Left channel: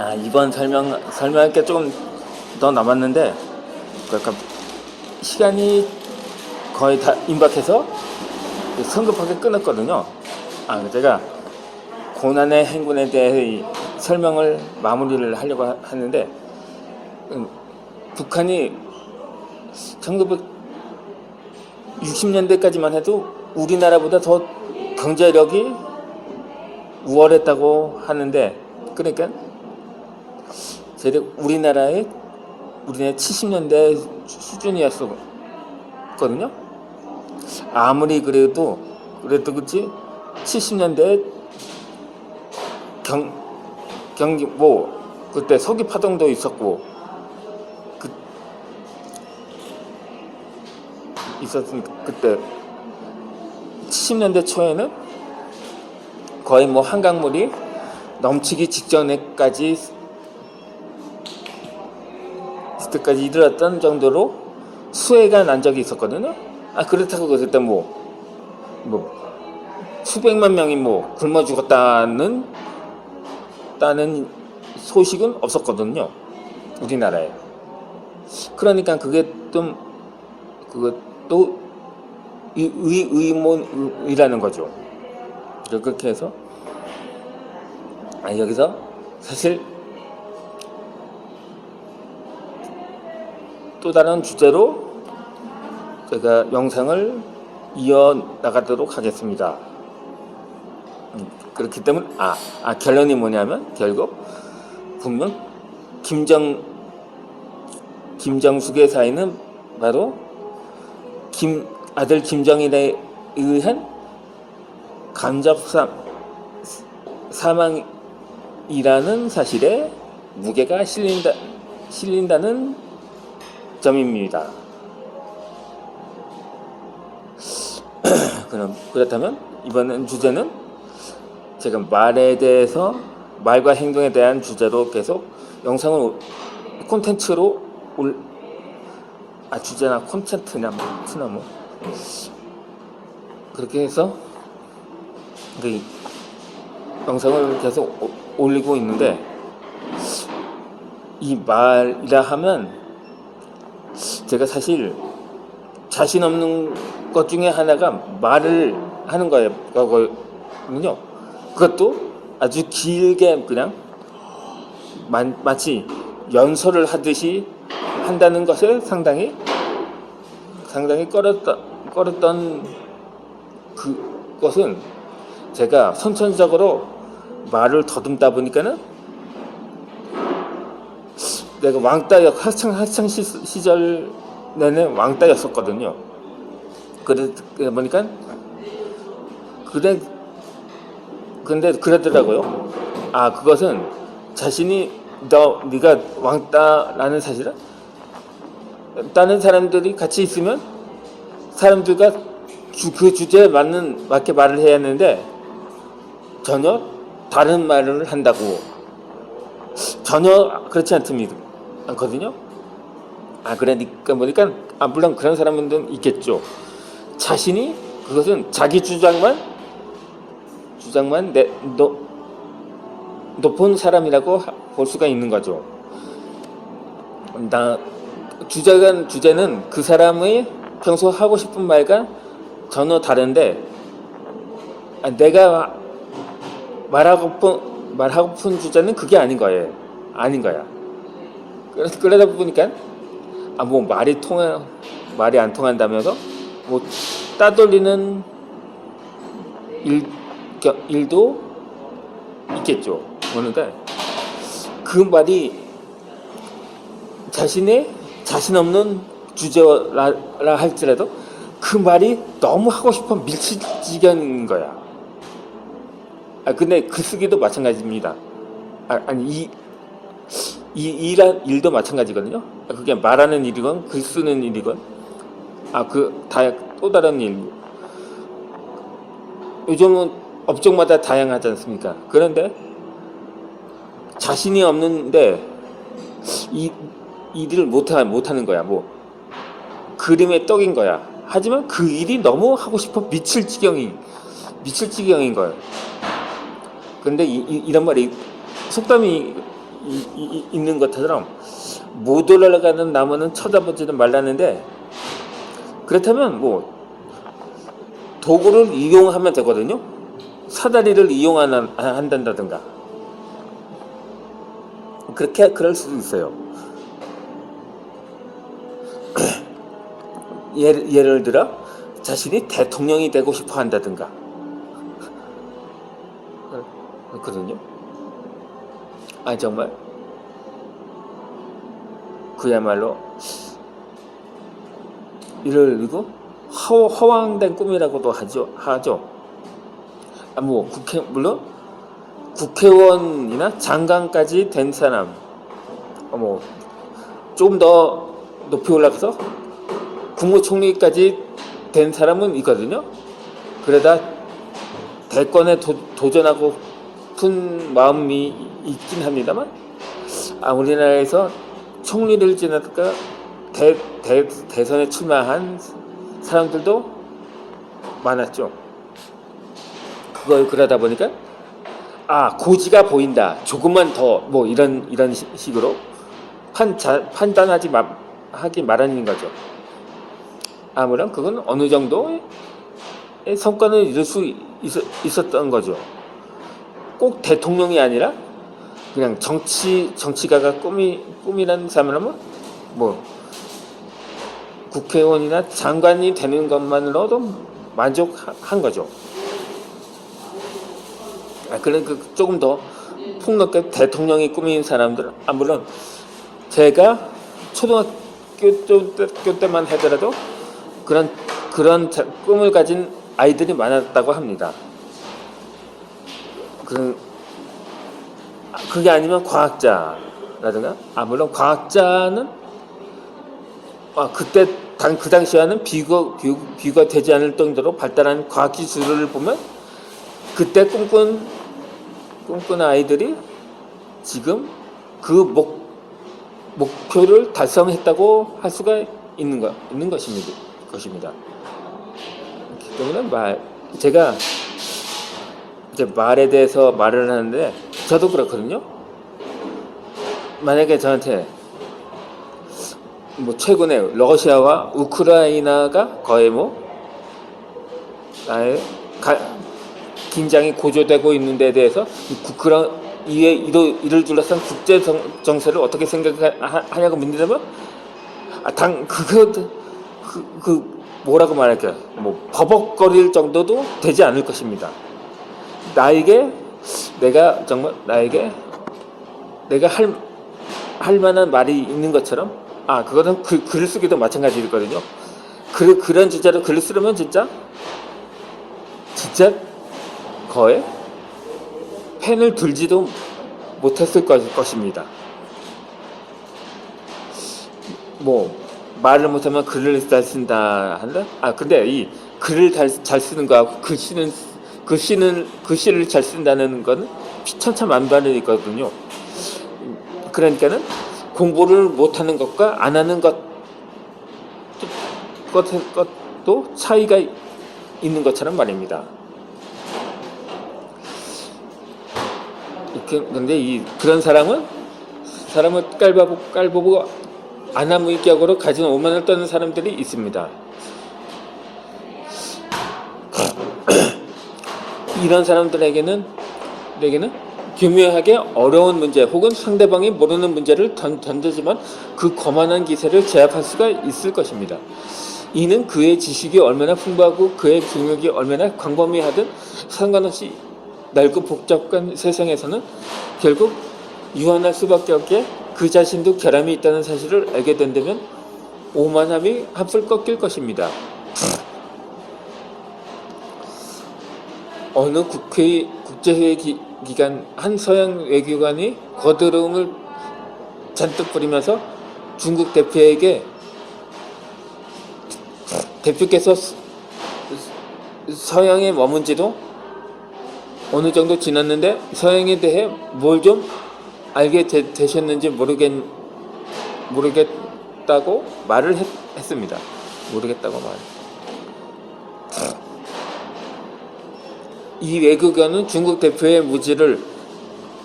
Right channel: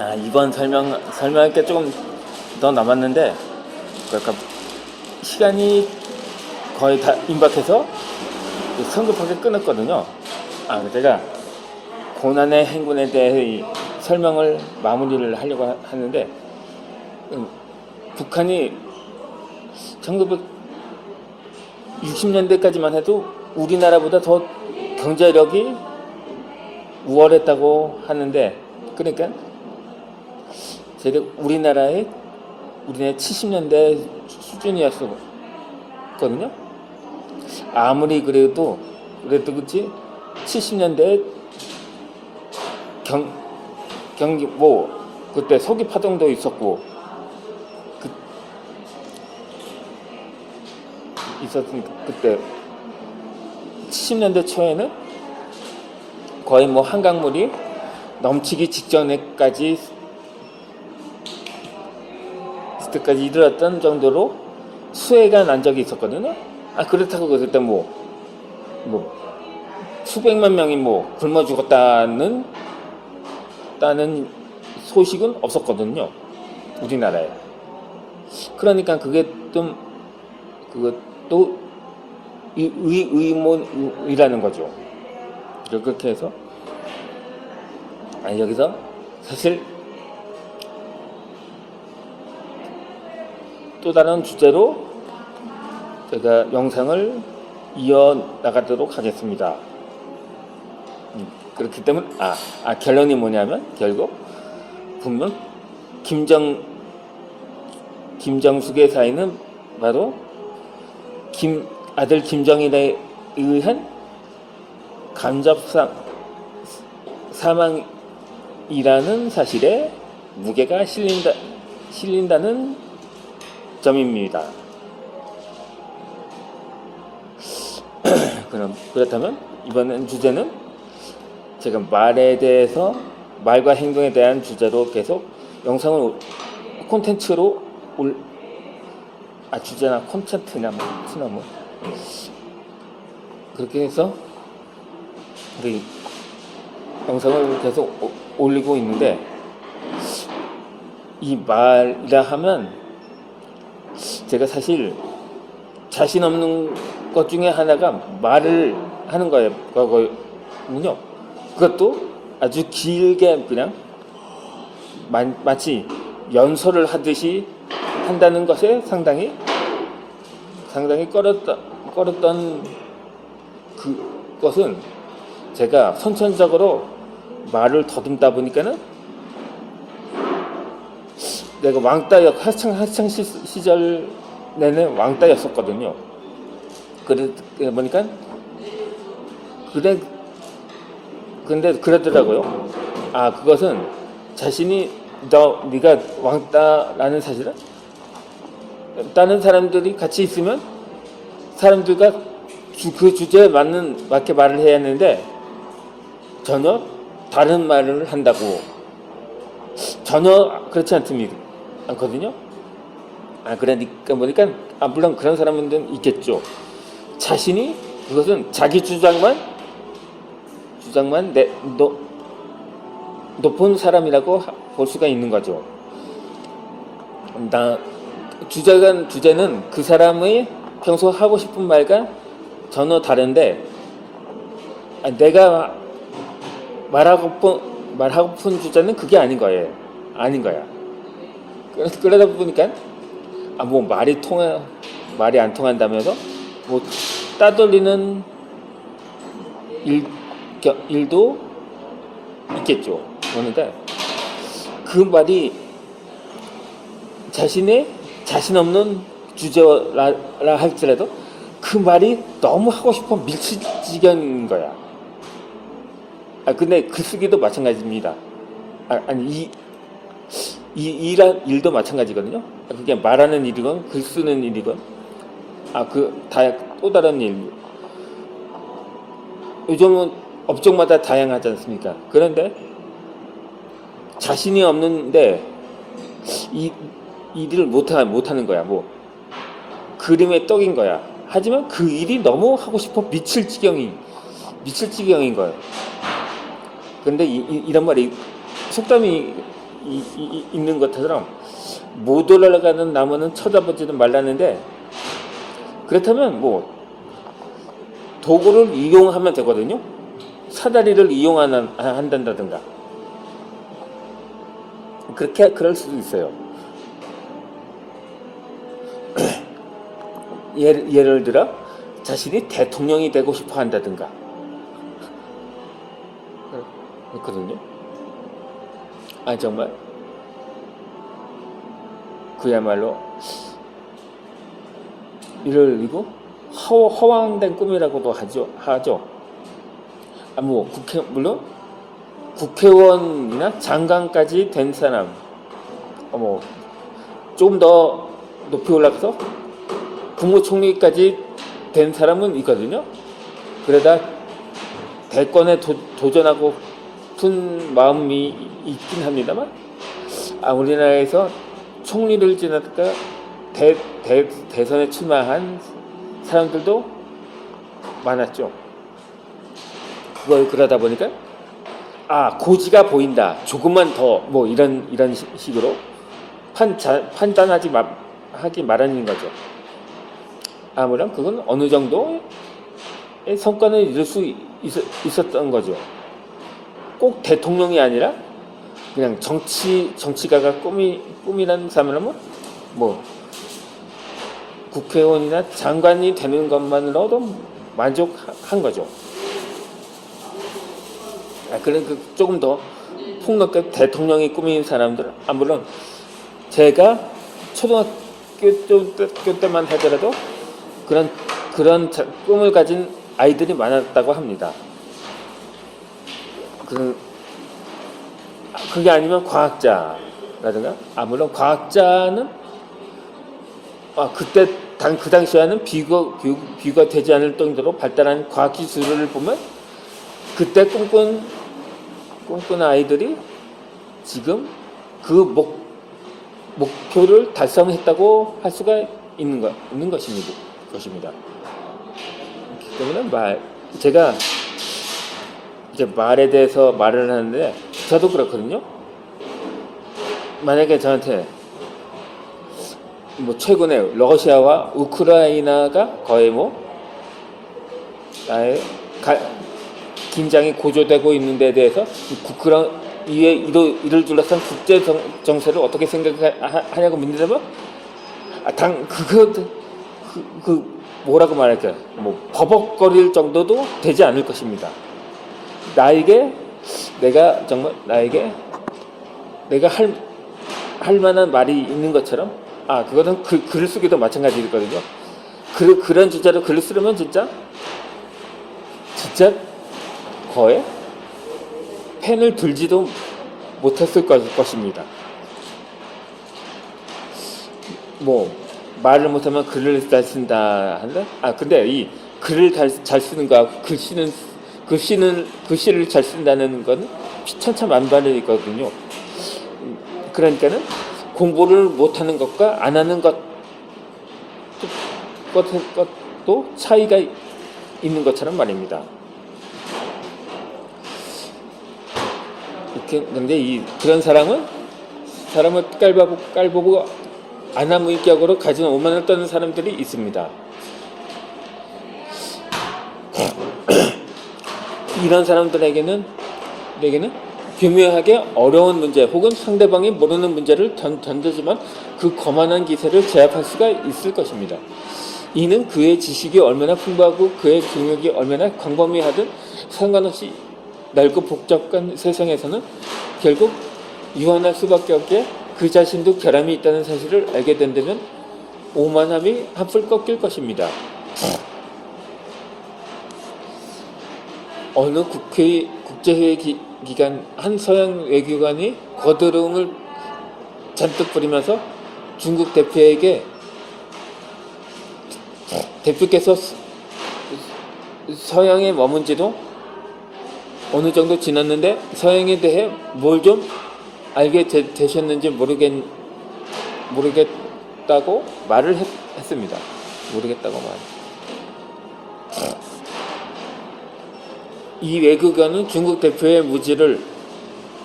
아 이번 설명 설명할 게 조금 더 남았는데 그러니까 시간이 거의 다 임박해서 성급하게 끊었거든요. 아 제가 고난의 행군에 대해 이 설명을 마무리를 하려고 하- 하는데 음, 북한이 1960년대까지만 해도 우리나라보다 더 경제력이 우월했다고 하는데 그러니까 대략 우리나라의 우리나라 70년대 수준이었거든요. 아무리 그래도 그래도 그치 70년대 경 경기 뭐 그때 서기 파동도 있었고 그 있었던 그때 70년대 초에는 거의 뭐 한강물이 넘치기 직전에까지 그때까지 이르렀던 정도로 수해가 난 적이 있었거든요. 아 그렇다고 그때 뭐, 뭐 수백만 명이 뭐 굶어 죽었다는 따는 소식은 없었거든요. 우리나라에. 그러니까 그게 좀 그것도 의, 의, 의문이라는 거죠. 그렇게 해서 아 여기서 사실 또 다른 주제로 제가 영상을 이어 나가도록 하겠습니다. 음, 그렇기 때문에 아, 아 결론이 뭐냐면 결국 분명 김정 김정숙의 사인은 바로 김 아들 김정일에 의한 간접사 사망이라는 사실에 무게가 실린다 실린다는 점입니다. 그럼 그렇다면 이번엔 주제는 제가 말에 대해서 말과 행동에 대한 주제로 계속 영상을 올- 콘텐츠로 올, 아 주제나 콘텐츠냐 뭐, 나 뭐 그렇게 해서 이 영상을 계속 오- 올리고 있는데 이 말이라 하면 제가 사실 자신 없는 것 중에 하나가 말을 하는 거예요. 그거는요. 그것도 아주 길게 그냥 마, 마치 연설을 하듯이 한다는 것에 상당히 상당히 꺼렸던 꺼렸던 그것은 제가 선천적으로 말을 더듬다 보니까는 내가 왕따 학창 학창 시, 시절 내내 왕따였었거든요. 그래 보니까 그래 근데 그러더라고요. 아 그것은 자신이 너 네가 왕따라는 사실은 다른 사람들이 같이 있으면 사람들과 주- 그 주제에 맞는 맞게 말을 해야 하는데 전혀 다른 말을 한다고 전혀 그렇지 않습니다. 않거든요. 아 그러니까 보니까 아 물론 그런 사람들은 있겠죠. 자신이 그것은 자기 주장만 주장만 내 너, 높은 사람이라고 하- 볼 수가 있는 거죠. 나 주장은 주제는 그 사람의 평소 하고 싶은 말과 전혀 다른데 아, 내가 말하고픈 말하고픈 주제는 그게 아닌 거예요. 아닌 거야. 그래서 그러다 보니까 아 뭐 말이 통하 말이 안 통한다면서 뭐 따돌리는 일 겨- 일도 있겠죠. 그러니까 그 말이 자신의 자신 없는 주제라 라 할지라도 그 말이 너무 하고 싶어 밀칠 지경인 거야. 아 근데 글쓰기도 마찬가지입니다. 아, 아니 이, 이 일한 일도 마찬가지거든요. 그게 말하는 일이건 글 쓰는 일이건 아 그 다 또 다른 일. 요즘은 업종마다 다양하지 않습니까? 그런데 자신이 없는데 이 일을 못하 못하는 거야. 뭐 그림의 떡인 거야. 하지만 그 일이 너무 하고 싶어 미칠 지경이 미칠 지경인 거예요. 근데 이, 이, 런 말이 속담이 있는 것처럼 못 올라가는 나무는 쳐다보지도 말라는데 그렇다면 뭐 도구를 이용하면 되거든요. 사다리를 이용하는 한다든가 그렇게 그럴 수도 있어요. 예를, 예를 들어 자신이 대통령이 되고 싶어 한다든가 그렇거든요. 아 정말 그야말로 이를 이거 허, 허황된 꿈이라고도 하죠. 하죠. 아, 뭐 국회 물론 국회의원이나 장관까지 된 사람, 어, 뭐좀 더 높이 올라가서 국무총리까지 된 사람은 있거든요. 그러다 대권에 도, 도전하고 픈 마음이 있긴 합니다만, 아 우리나라에서 총리를 지내다가 대, 대, 대선에 출마한 사람들도 많았죠. 그걸 그러다 보니까 아 고지가 보인다. 조금만 더 뭐 이런 이런 시- 식으로 판자, 판단하지 마, 하기 마련인 거죠. 아무런 그건 어느 정도의 성과는 이룰 수 있, 있었던 거죠. 꼭 대통령이 아니라 그냥 정치 정치가가 꿈이 꿈이라는 사람은 뭐 국회의원이나 장관이 되는 것만으로도 만족한 거죠. 아, 그런 그 조금 더 폭넓게 대통령이 꿈인 사람들, 아 물론 제가 초등학교 때- 때만 하더라도 그런 그런 자- 꿈을 가진 아이들이 많았다고 합니다. 아, 그게 아니면 과학자라든가 아 물론 과학자는 아 그때 당 그 당시에는 비교 비, 비가 되지 않을 정도로 발달한 과학 기술을 보면 그때 꿈꾼 꿈꾼 아이들이 지금 그 목 목표를 달성했다고 할 수가 있는 것 있는 것입니다. 것입니다. 그렇기 때문에 말 제가 이제 말에 대해서 말을 하는데 저도 그렇거든요. 만약에 저한테 뭐 최근에 러시아와 우크라이나가 거의 뭐 나의 가- 긴장이 고조되고 있는 데 대해서 이 국그라 이에 이를 둘러싼 국제 정, 정세를 어떻게 생각하냐고 묻는다면 아, 당 그거 그, 그 뭐라고 말할까 뭐 버벅거릴 정도도 되지 않을 것입니다. 나에게 내가 정말 나에게 내가 할, 할 만한 말이 있는 것처럼 아 그거는 글, 글을 쓰기도 마찬가지거든요. 그, 그런 주제로 글을 쓰려면 진짜 진짜 거의 펜을 들지도 못했을 것, 것입니다. 뭐 말을 못하면 글을 잘 쓴다 한다? 아 근데 이 글을 잘, 잘 쓰는 거하고 글씨는 글씨는 글씨를 잘 쓴다는 거는 천차만별이 있거든요. 그러니까는 공부를 못하는 것과 안 하는 것, 것, 것도 차이가 있는 것처럼 말입니다. 근데 이 그런 사람은 사람을 깔보고 깔보고 아나무인격으로 가진 오만을 떠는 사람들이 있습니다. 이런 사람들에게는 에게는 교묘하게 어려운 문제 혹은 상대방이 모르는 문제를 던, 던지지만 그 거만한 기세를 제압할 수가 있을 것입니다. 이는 그의 지식이 얼마나 풍부하고 그의 경력이 얼마나 광범위하든 상관없이 넓고 복잡한 세상에서는 결국 유한할 수밖에 없게 그 자신도 결함이 있다는 사실을 알게 된다면 오만함이 합술 꺾일 것입니다. 어느 국회 국제회의 기, 기간 한 서양 외교관이 거드름을 잔뜩 부리면서 중국 대표에게 대표께서 서- 서양에 머문 지도 어느 정도 지났는데 서양에 대해 뭘 좀 알게 되, 되셨는지 모르겠 모르겠다고 말을 했, 했습니다. 모르겠다고 말. 이 외교관은 중국 대표의 무지를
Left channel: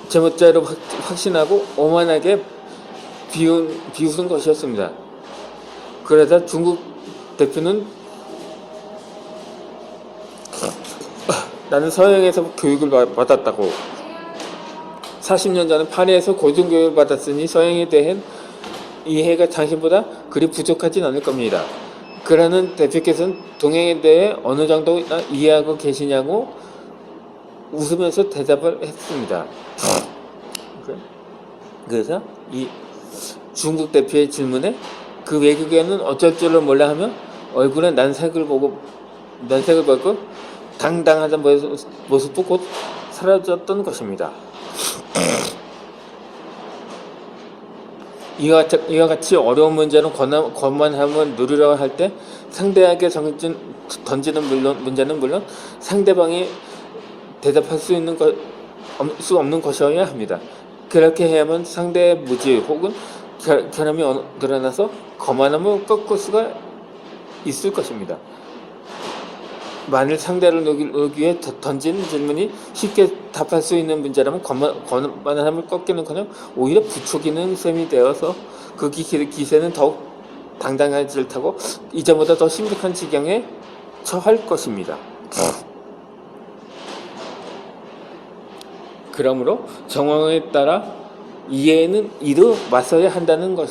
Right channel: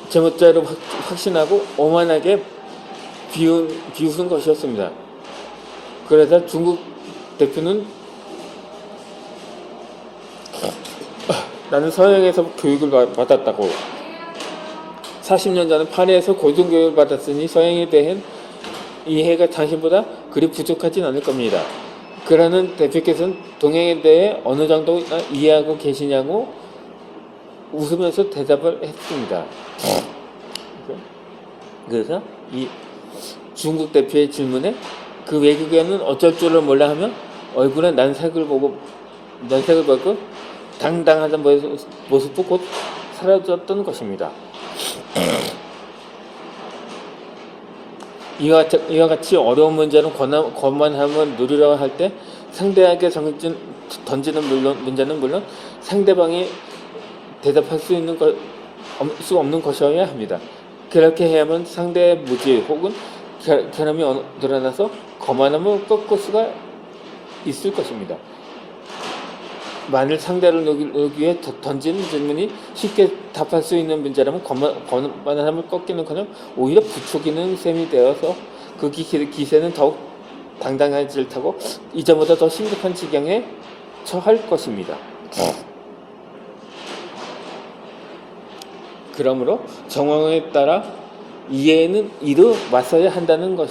제멋대로 확- 확신하고 오만하게 비웃, 비웃은 것이었습니다. 그러다 중국 대표는 나는 서양에서 교육을 받- 받았다고 40년 전에 파리에서 고등교육을 받았으니 서양에 대한 이해가 당신보다 그리 부족하진 않을 겁니다. 그러는 대표께서는 동양에 대해 어느 정도 이해하고 계시냐고 웃으면서 대답을 했습니다. 그래서 이 중국 대표의 질문에 그 외국에는 어쩔 줄을 몰라 하며 얼굴에 난색을 보고 난색을 받고 당당하던 모습- 모습도 곧 사라졌던 것입니다. 이와, 자- 이와 같이 어려운 문제는 권한, 권만함을 누리려 할 때 상대에게 던지는 물론, 문제는 물론 상대방이 대답할 수 있는 것, 없- 수 없는 것이어야 합니다. 그렇게 해야만 상대의 무지 혹은 결, 결함이 어느- 드러나서 거만함을 꺾을 수가 있을 것입니다. 만일 상대를 녹이기 위해 더- 던진 질문이 쉽게 답할 수 있는 문제라면 거만, 거만함을 꺾기는커녕 오히려 부추기는 셈이 되어서 그 기, 기세는 더욱 당당해질 타고 이전보다 더 심각한 지경에 처할 것입니다. 그러므로 정황에 따라 이해는 이로 맞서야 한다는 것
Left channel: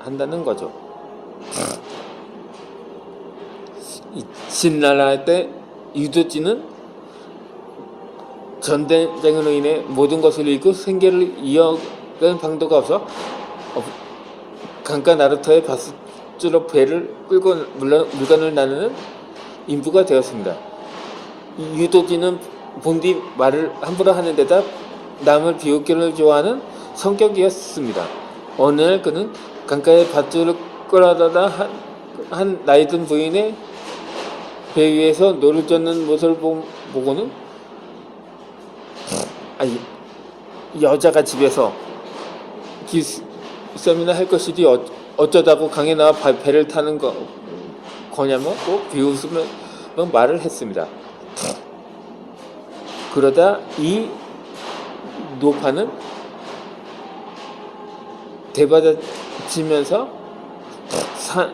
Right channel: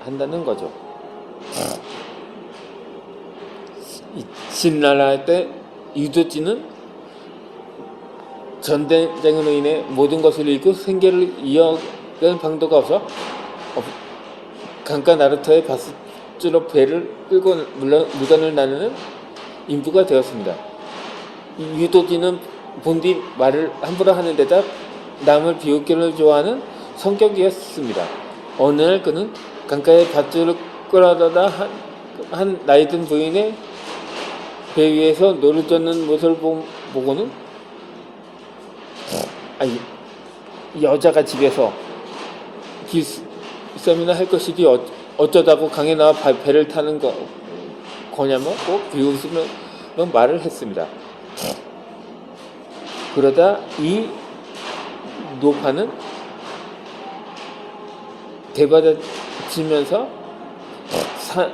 한다는 거죠. 이 진나라 때 유도진은 전쟁으로 인해 모든 것을 잃고 생계를 이어갈 방도가 없어 어, 강가 나루터의 바스주로 배를 끌고 물건을 나누는 인부가 되었습니다. 이 유도진은 본디 말을 함부로 하는 데다 남을 비웃기를 좋아하는 성격이었습니다. 어느 날 그는 강가에 밧줄을 끌어다가 한, 한 나이든 부인의 배 위에서 노를 젓는 모습을 보- 보고는 아니 여자가 집에서 기싸움이나 할 것이지 어, 어쩌다고 강에 나와 바- 배를 타는 거 거냐며 꼭 비웃으며 말을 했습니다. 그러다 이 노파는 대받아치면서 사,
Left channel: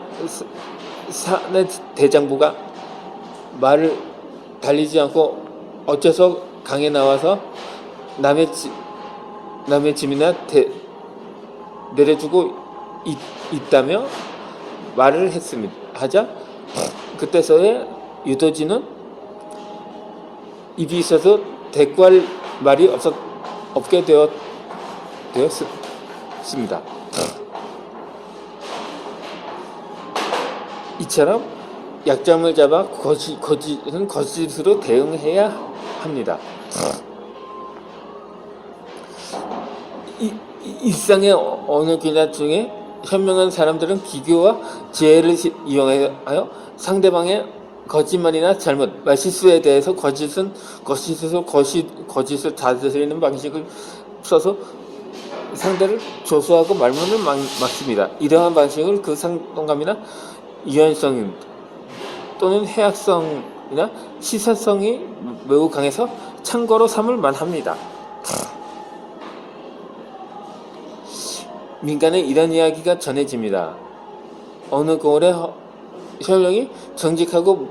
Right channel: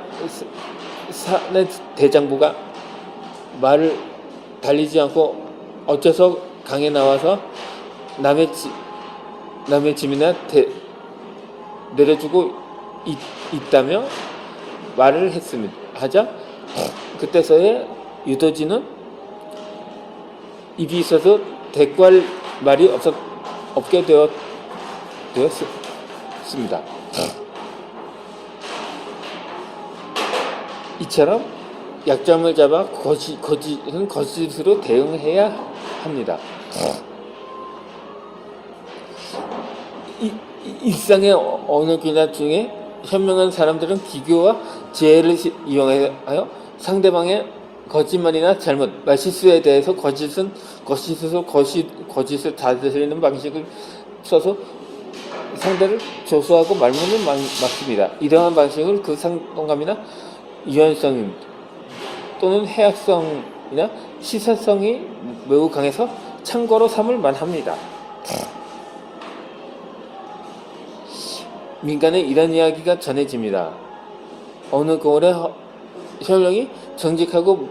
사, 대장부가 말을 달리지 않고 어째서 강에 나와서 남의 집, 남의 짐이나 대, 내려주고 있, 있다며 말을 했습니다. 하자 그때서야 유도진은 입이 있어서 대꾸할 말이 없었, 없게 되었, 되었 습니다. 이처럼 약점을 잡아 거짓, 거짓은 거짓으로 대응해야 합니다. 이, 이- 일상의 어- 어느 분야 중에 현명한 사람들은 비교와 지혜를 시- 이용하여 상대방의 거짓말이나 잘못, 말실수에 대해서 거짓은 거짓에서 거짓, 거짓을 다스리는 방식을 써서 상대를 조소하고 말문을 막, 막습니다. 이러한 방식을 그 상동감이나 유연성 또는 해악성이나 시사성이 매우 강해서 참고로 삼을 만합니다. 민간에 이런 이야기가 전해집니다. 어느 고을에 허- 현령이 정직하고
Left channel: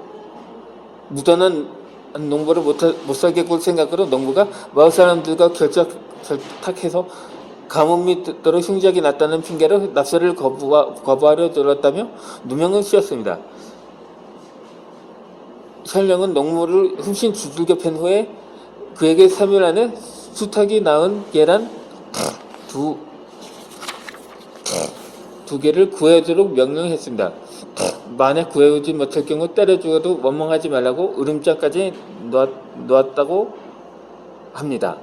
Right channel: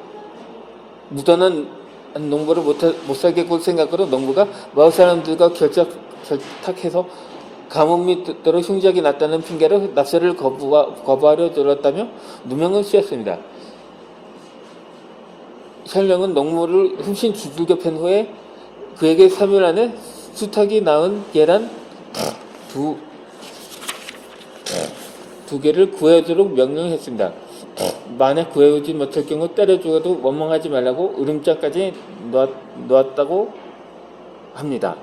무던한 농부를 못 살게 굴 생각으로 농부가 마을 사람들과 결착, 결탁해서 감옥 밑으로 흉작이 났다는 핑계로 납세를 거부하, 거부하려 들었다며 누명을 씌웠습니다. 현령은 농무를 흠씬 두들겨 팬 후에 그에게 3일 안에 수탉이 낳은 계란 두, 두 개를 구해주도록 명령했습니다. 만약 구해오지 못할 경우 때려 죽어도 원망하지 말라고 으름장까지 놓았, 놓았다고 합니다.